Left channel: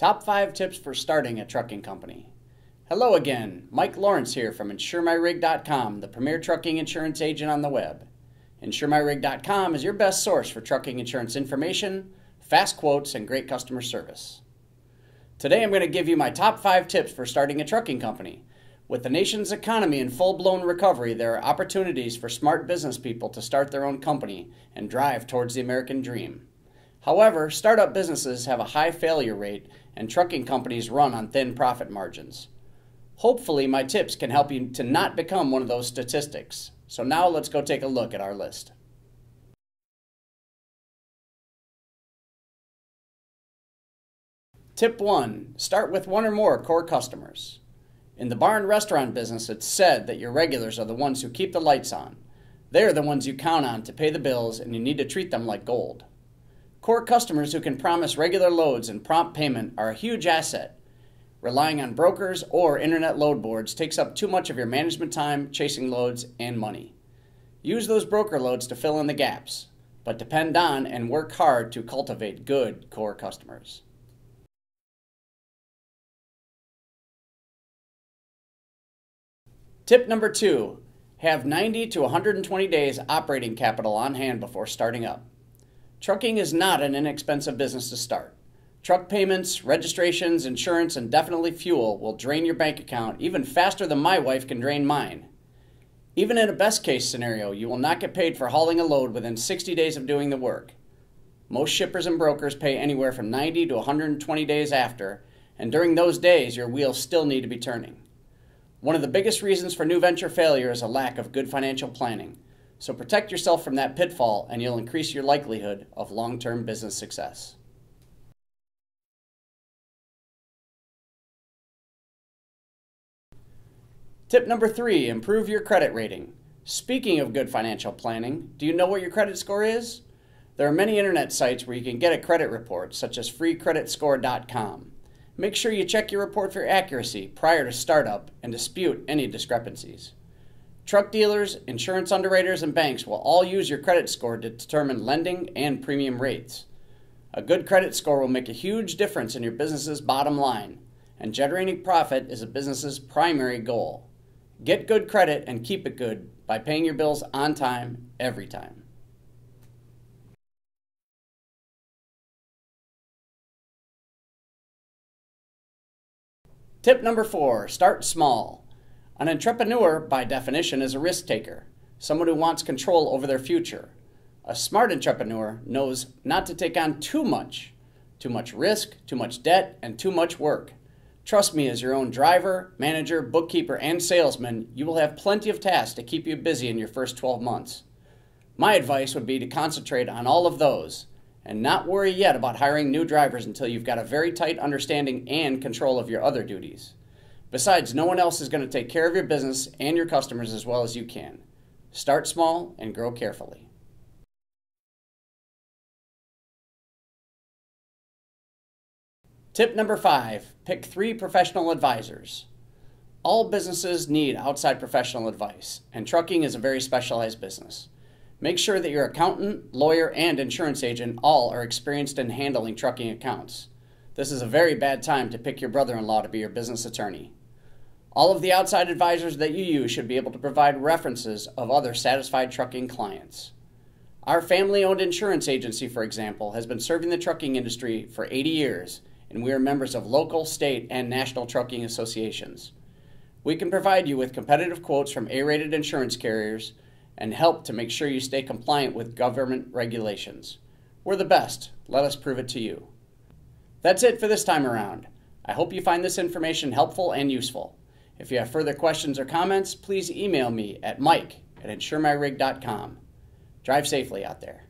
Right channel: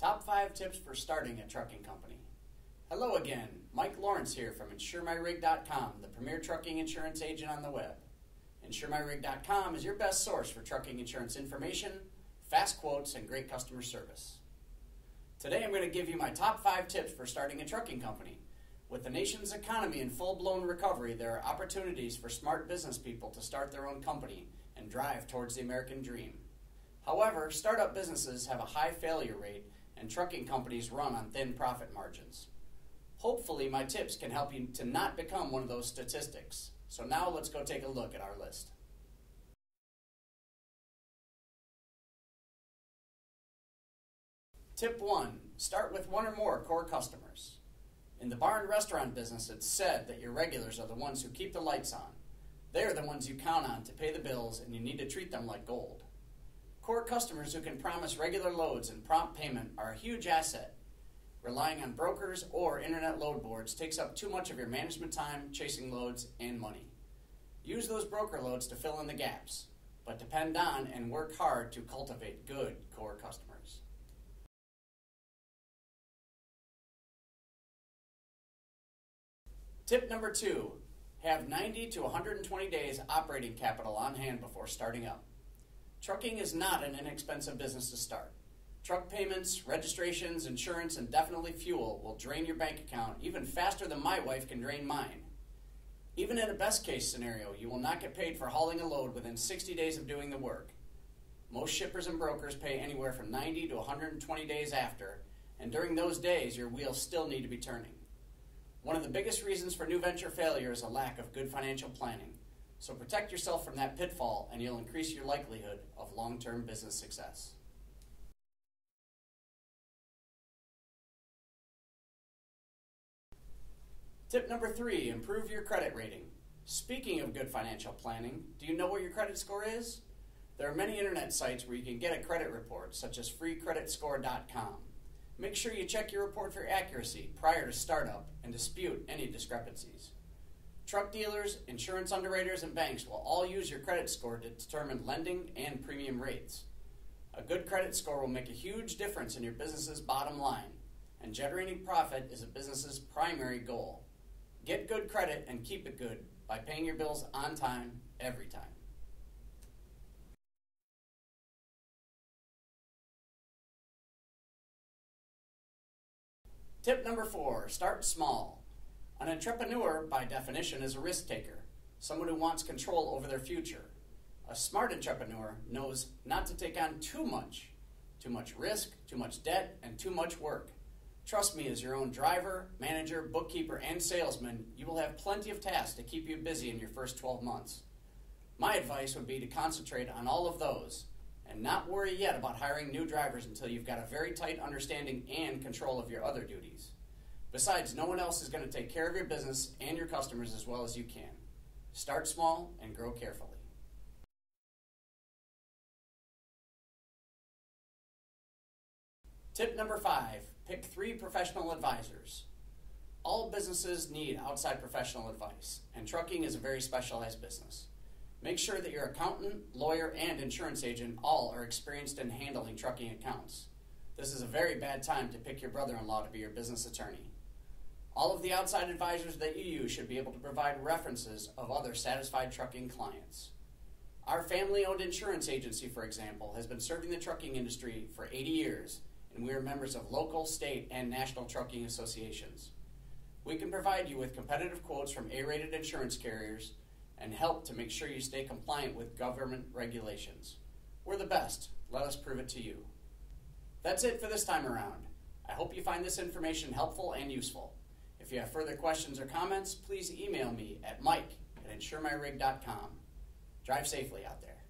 Top 5 tips for starting a trucking company. Hello again, Mike Lawrence here from InsureMyRig.com, the premier trucking insurance agent on the web. InsureMyRig.com is your best source for trucking insurance information, fast quotes, and great customer service. Today I'm going to give you my top 5 tips for starting a trucking company. With the nation's economy in full-blown recovery, there are opportunities for smart business people to start their own company and drive towards the American dream. However, startup businesses have a high failure rate and trucking companies run on thin profit margins. Hopefully, my tips can help you to not become one of those statistics. So now let's go take a look at our list. Tip 1. Start with one or more core customers. In the bar and restaurant business, it's said that your regulars are the ones who keep the lights on. They're the ones you count on to pay the bills, and you need to treat them like gold. Core customers who can promise regular loads and prompt payment are a huge asset. Relying on brokers or internet load boards takes up too much of your management time, chasing loads, and money. Use those broker loads to fill in the gaps, but depend on and work hard to cultivate good core customers. Tip number 2, have 90 to 120 days operating capital on hand before starting up. Trucking is not an inexpensive business to start. Truck payments, registrations, insurance, and definitely fuel will drain your bank account even faster than my wife can drain mine. Even in a best case scenario, you will not get paid for hauling a load within 60 days of doing the work. Most shippers and brokers pay anywhere from 90 to 120 days after, and during those days your wheels still need to be turning. One of the biggest reasons for new venture failure is a lack of good financial planning. So protect yourself from that pitfall and you'll increase your likelihood of long-term business success. Tip number 3, improve your credit rating. Speaking of good financial planning, do you know what your credit score is? There are many internet sites where you can get a credit report, such as freecreditscore.com. Make sure you check your report for accuracy prior to startup and dispute any discrepancies. Truck dealers, insurance underwriters, and banks will all use your credit score to determine lending and premium rates. A good credit score will make a huge difference in your business's bottom line, and generating profit is a business's primary goal. Get good credit and keep it good by paying your bills on time, every time. Tip number 4, start small. An entrepreneur, by definition, is a risk taker, someone who wants control over their future. A smart entrepreneur knows not to take on too much risk, too much debt, and too much work. Trust me, as your own driver, manager, bookkeeper, and salesman, you will have plenty of tasks to keep you busy in your first 12 months. My advice would be to concentrate on all of those and not worry yet about hiring new drivers until you've got a very tight understanding and control of your other duties. Besides, no one else is going to take care of your business and your customers as well as you can. Start small and grow carefully. Tip number 5, pick 3 professional advisors. All businesses need outside professional advice, and trucking is a very specialized business. Make sure that your accountant, lawyer, and insurance agent all are experienced in handling trucking accounts. This is a very bad time to pick your brother-in-law to be your business attorney. All of the outside advisors that you use should be able to provide references of other satisfied trucking clients. Our family-owned insurance agency, for example, has been serving the trucking industry for 80 years, and we are members of local, state, and national trucking associations. We can provide you with competitive quotes from A-rated insurance carriers and help to make sure you stay compliant with government regulations. We're the best. Let us prove it to you. That's it for this time around. I hope you find this information helpful and useful. If you have further questions or comments, please email me at mike@insuremyrig.com. Drive safely out there.